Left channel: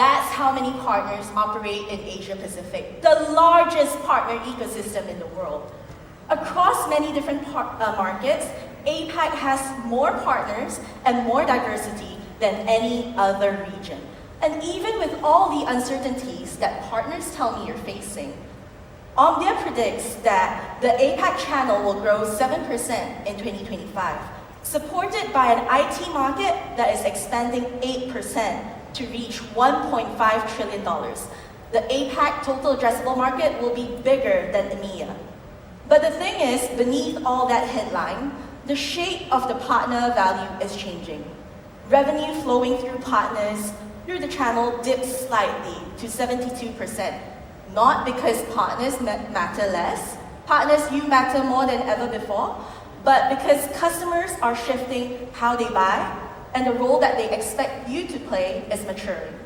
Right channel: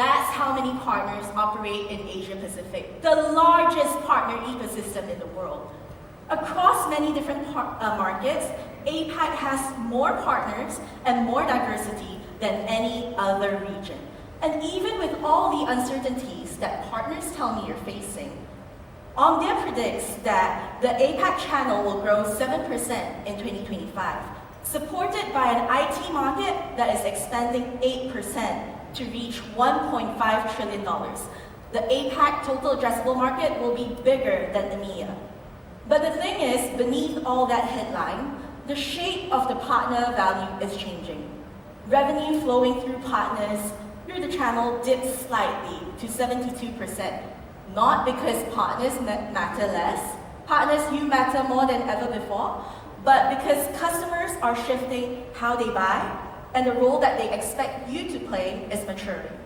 That's how many partners operate in Asia Pacific, the largest partner ecosystem in the world. Across many different markets, APAC has more partners and more diversity than any other region. And even with all the uncertainties that partners tell me you're facing, Omdia predicts that the APAC channel will grow 7% in 2025, supported by an IT market that is expanding 8% to reach $1.5 trillion. The APAC total addressable market will be bigger than EMEA. But the thing is, beneath all that headline, the shape of the partner value is changing. Revenue flowing through partners through the channel dipped slightly to 72%, not because partners matter less, partners you matter more than ever before, but because customers are shifting how they buy and the role that they expect you to play is maturing.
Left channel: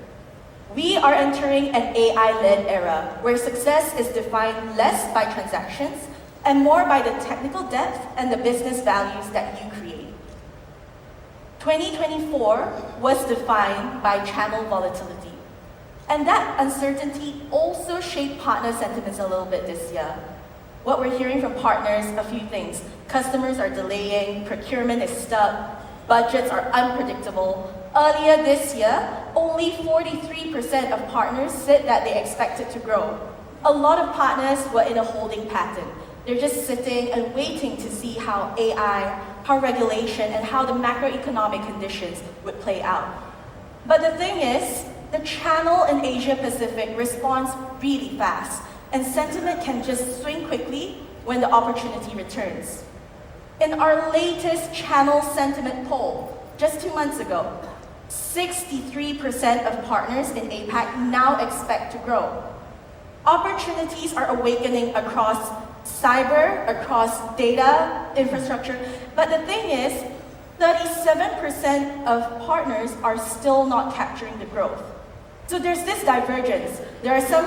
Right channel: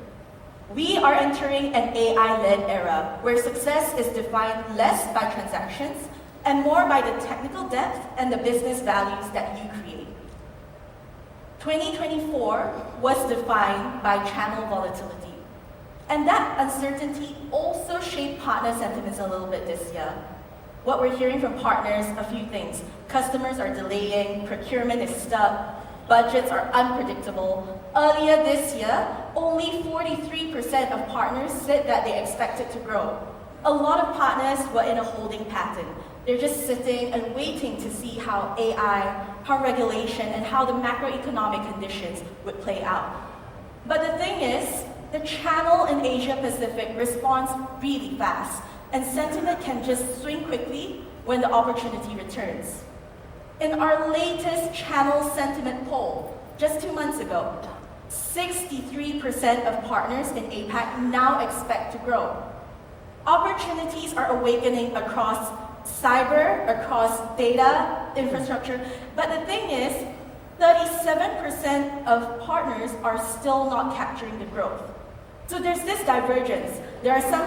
We are entering an AI-led era where success is defined less by transactions and more by the technical depth and the business values that you create. 2024 was defined by channel volatility. And that uncertainty also shaped partner sentiments a little bit this year. What we're hearing from partners, a few things. Customers are delaying, procurement is stuck, budgets are unpredictable. Earlier this year, only 43% of partners said that they expected to grow. A lot of partners were in a holding pattern. They're just sitting and waiting to see how AI, how regulation, and how the macroeconomic conditions would play out. But the thing is, the channel in Asia Pacific responds really fast, and sentiment can just swing quickly when the opportunity returns. In our latest channel sentiment poll, just 2 months ago, 63% of partners in APAC now expect to grow. Opportunities are awakening across cyber, across data, infrastructure, but the thing is, 37% of partners are still not capturing the growth. So there's this divergence. There are some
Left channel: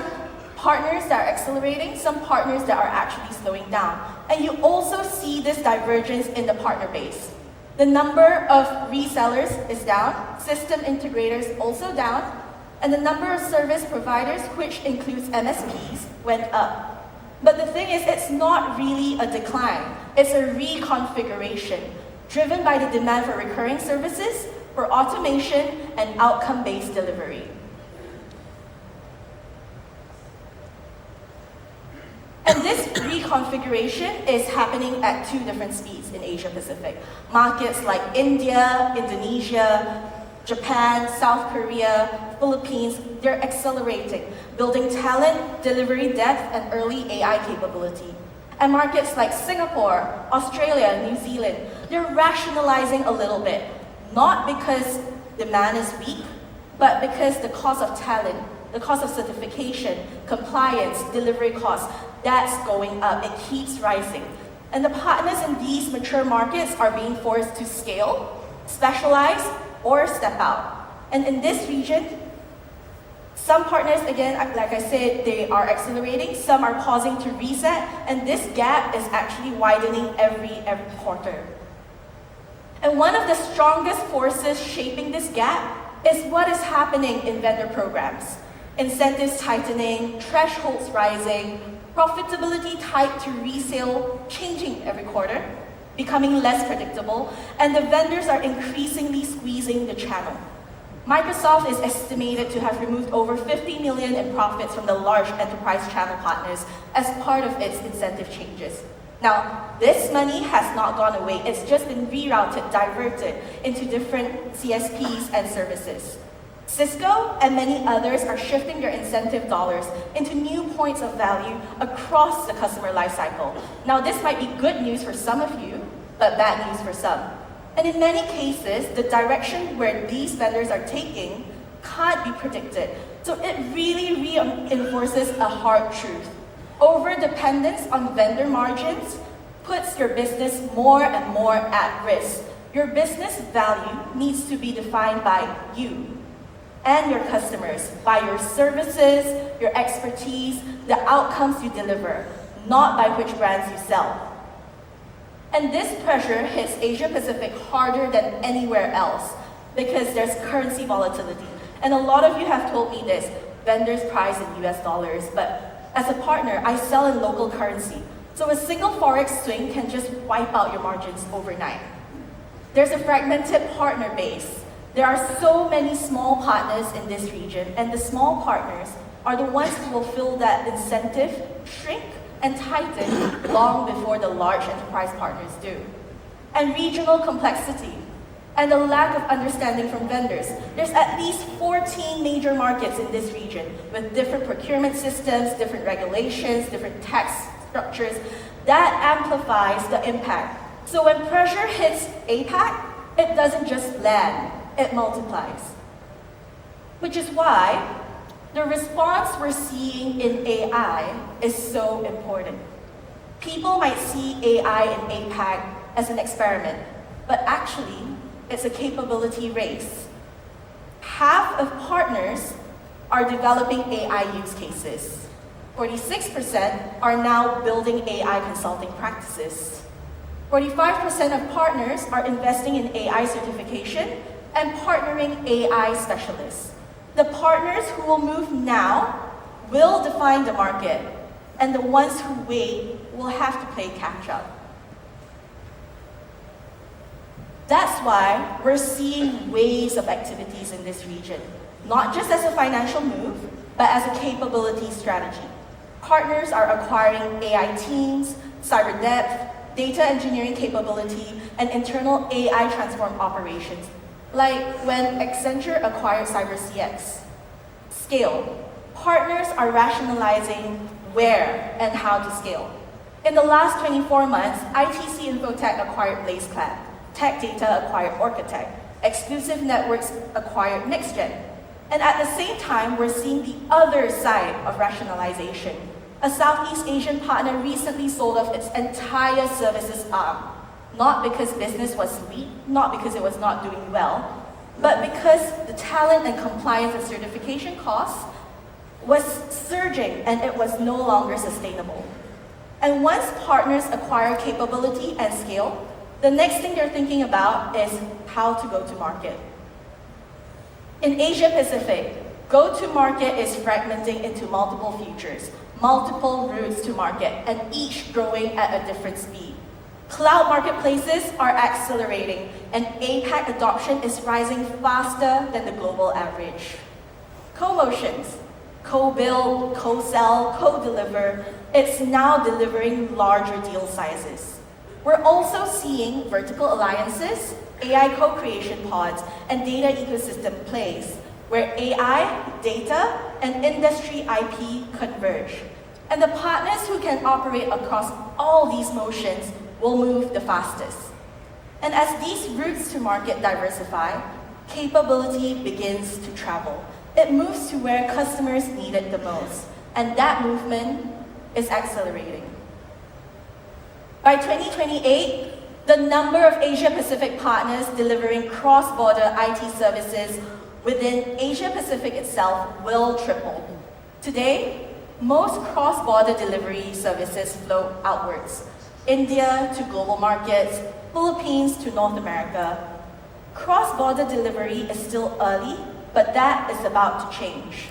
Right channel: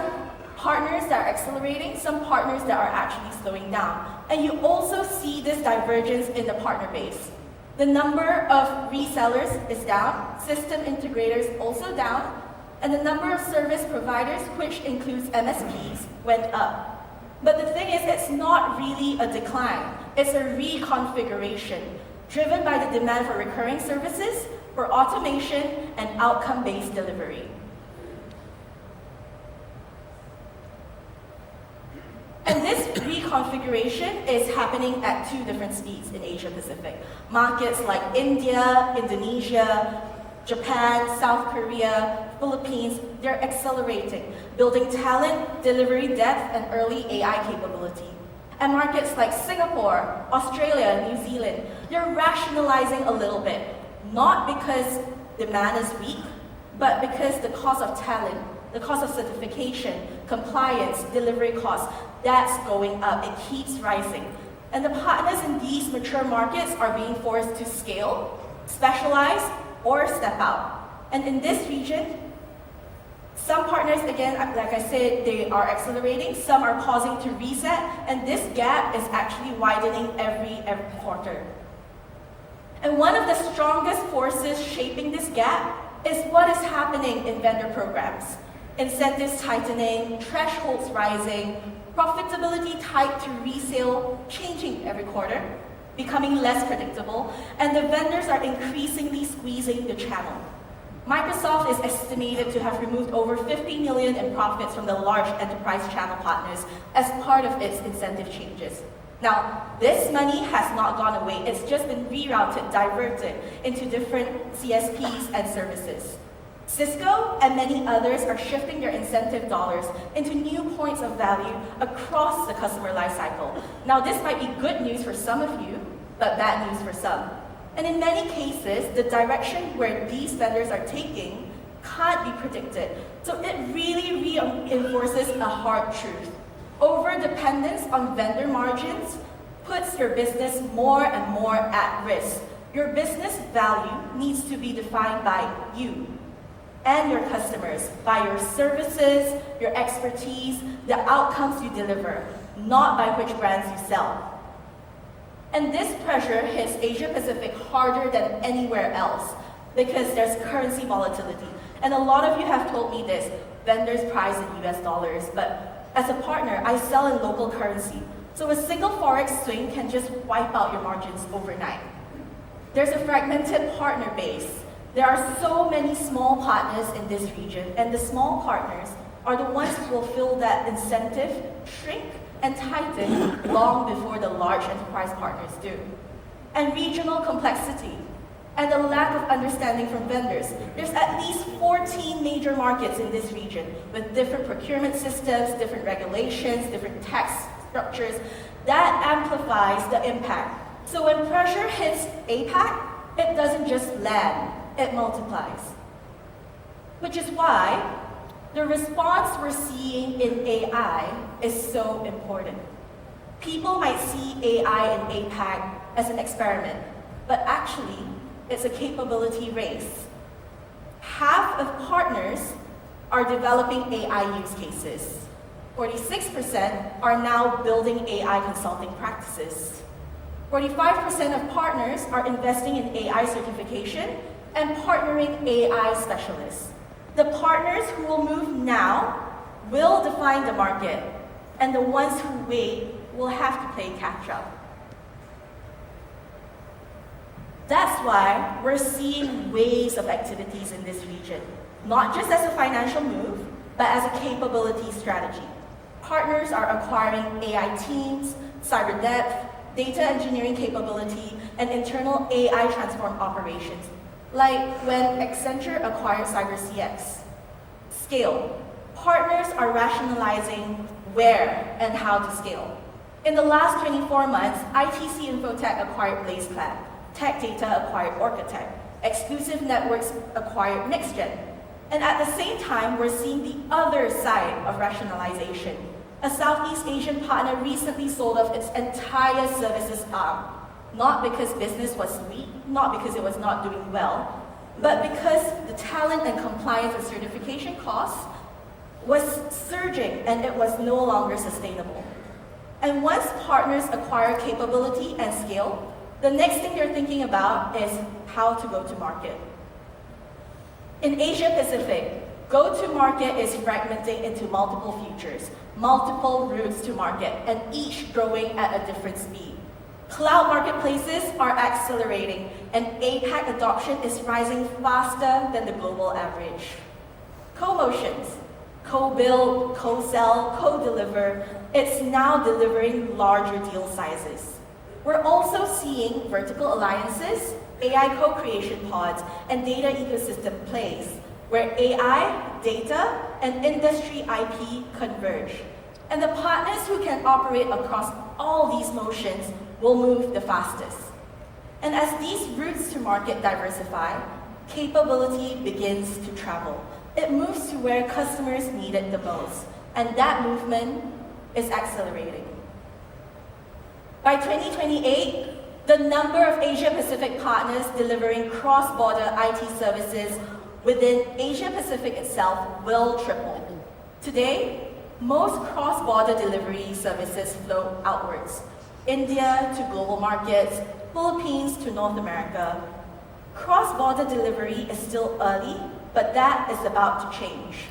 partners that are accelerating, some partners that are actually slowing down. And you also see this divergence in the partner base. The number of resellers is down, system integrators also down, and the number of service providers, which includes MSPs, went up. But the thing is, it's not really a decline. It's a reconfiguration, driven by the demand for recurring services, for automation, and outcome-based delivery. And this reconfiguration is happening at 2 different speeds in Asia Pacific. Markets like India, Indonesia, Japan, South Korea, Philippines, they're accelerating, building talent, delivery depth, and early AI capability. And markets like Singapore, Australia, and New Zealand, they're rationalizing a little bit, not because demand is weak, but because the cost of talent, the cost of certification, compliance, delivery costs, that's going up. It keeps rising. And the partners in these mature markets are being forced to scale, specialize, or step out. And in this region, some partners, again, like I said, they are accelerating, some are pausing to reset, and this gap is actually widening every quarter. And one of the strongest forces shaping this gap is what is happening in vendor programs. Incentives tightening, thresholds rising, profitability tied to resale changing every quarter, becoming less predictable, and the vendors are increasingly squeezing the channel. Microsoft is estimated to have removed over $50 million in profits from the large enterprise channel partners as part of its incentive changes. Now, this money has not gone away. It's just been rerouted, diverted into different CSPs and services. Cisco and many others are shifting their incentive dollars into new points of value across the customer lifecycle. Now, this might be good news for some of you, but bad news for some. And in many cases, the direction where these vendors are taking can't be predicted. So it really reinforces a hard truth. Over-dependence on vendor margins puts your business more and more at risk. Your business value needs to be defined by you and your customers, by your services, your expertise, the outcomes you deliver, not by which brands you sell. And this pressure hits Asia Pacific harder than anywhere else because there's currency volatility. And a lot of you have told me this, vendors price in US dollars, but as a partner, I sell in local currency. So a single Forex swing can just wipe out your margins overnight. There's a fragmented partner base. There are so many small partners in this region, and the small partners are the ones who will feel that incentive shrink and tighten long before the large enterprise partners do. And regional complexity and the lack of understanding from vendors. There's at least 14 major markets in this region with different procurement systems, different regulations, different tax structures. That amplifies the impact. So when pressure hits APAC, it doesn't just land, it multiplies. Which is why the response we're seeing in AI is so important. People might see AI in APAC as an experiment, but actually, it's a capability race. Half of partners are developing AI use cases. 46% are now building AI consulting practices. 45% of partners are investing in AI certification and partnering AI specialists. The partners who will move now will define the market, and the ones who wait will have to play catch up. That's why we're seeing waves of activities in this region, not just as a financial move, but as a capability strategy. Partners are acquiring AI teams, cyber depth, data engineering capability, and internal AI transformed operations, like when Accenture acquired CyberCX. Scale. Partners are rationalizing where and how to scale. In the last 24 months, ITC Infotech acquired BlazeCloud, Tech Data acquired Orcatech, Exclusive Networks acquired NextGen. And at the same time, we're seeing the other side of rationalization. A Southeast Asian partner recently sold off its entire services arm, not because business was weak, not because it was not doing well, but because the talent and compliance and certification costs was surging and it was no longer sustainable. And once partners acquire capability and scale, the next thing they're thinking about is how to go to market. In Asia Pacific, go-to-market is fragmenting into multiple futures, multiple routes to market, and each growing at a different speed. Cloud marketplaces are accelerating, and APAC adoption is rising faster than the global average. Co-motions, co-build, co-sell, co-deliver, it's now delivering larger deal sizes. We're also seeing vertical alliances, AI co-creation pods, and data ecosystem plays, where AI, data, and industry IP converge. And the partners who can operate across all these motions will move the fastest. And as these routes to market diversify, capability begins to travel. It moves to where customers need it the most, and that movement is accelerating. By 2028, the number of Asia-Pacific partners delivering cross-border IT services within Asia-Pacific itself will triple. Today, most cross-border delivery services flow outwards. India to global markets, Philippines to North America. Cross-border delivery is still early, but that is about to change.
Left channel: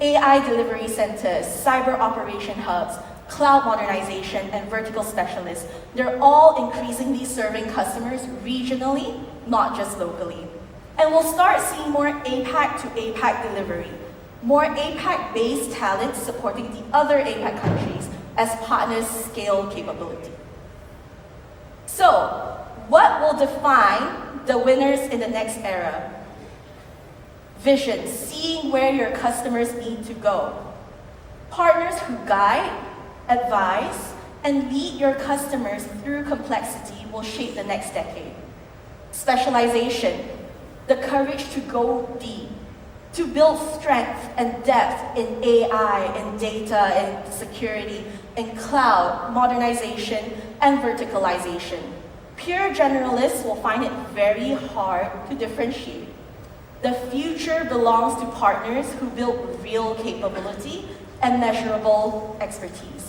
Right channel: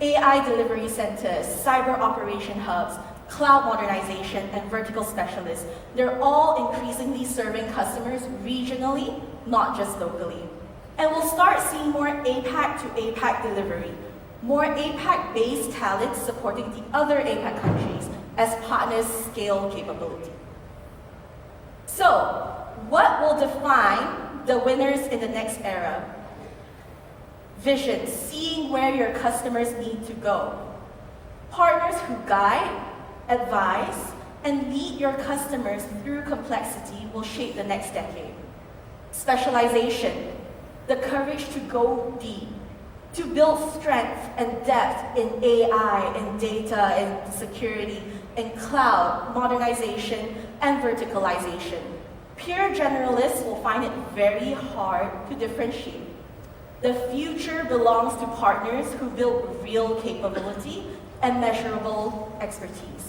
AI delivery centers, cyber operation hubs, cloud modernization, and vertical specialists, they're all increasingly serving customers regionally, not just locally. And we'll start seeing more APAC to APAC delivery, more APAC-based talent supporting the other APAC countries as partners scale capability. So, what will define the winners in the next era? Vision, seeing where your customers need to go. Partners who guide, advise, and lead your customers through complexity will shape the next decade. Specialization, the courage to go deep, to build strength and depth in AI, in data, in security, in cloud, modernization, and verticalization. Pure generalists will find it very hard to differentiate. The future belongs to partners who build real capability and measurable expertise.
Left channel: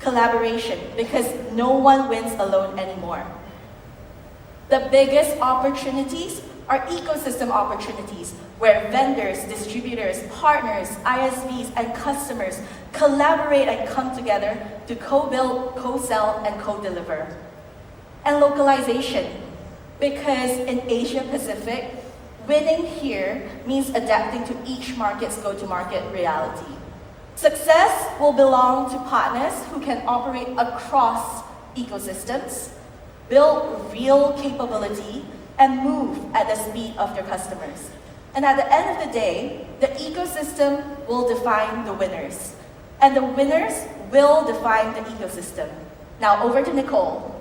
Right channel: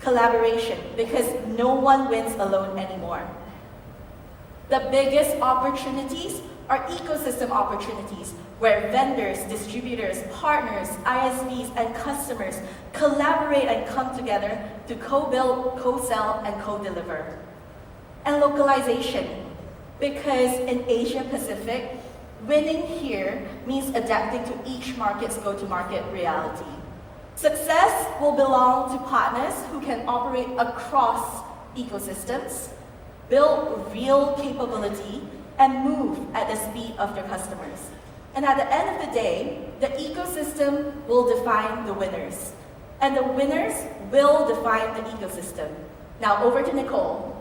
Collaboration, because no one wins alone anymore. The biggest opportunities are ecosystem opportunities where vendors, distributors, partners, ISVs, and customers collaborate and come together to co-build, co-sell, and co-deliver. And localization, because in Asia Pacific, winning here means adapting to each market's go-to-market reality. Success will belong to partners who can operate across ecosystems, build real capability, and move at the speed of their customers. And at the end of the day, the ecosystem will define the winners, and the winners will define the ecosystem. Now over to Nicole.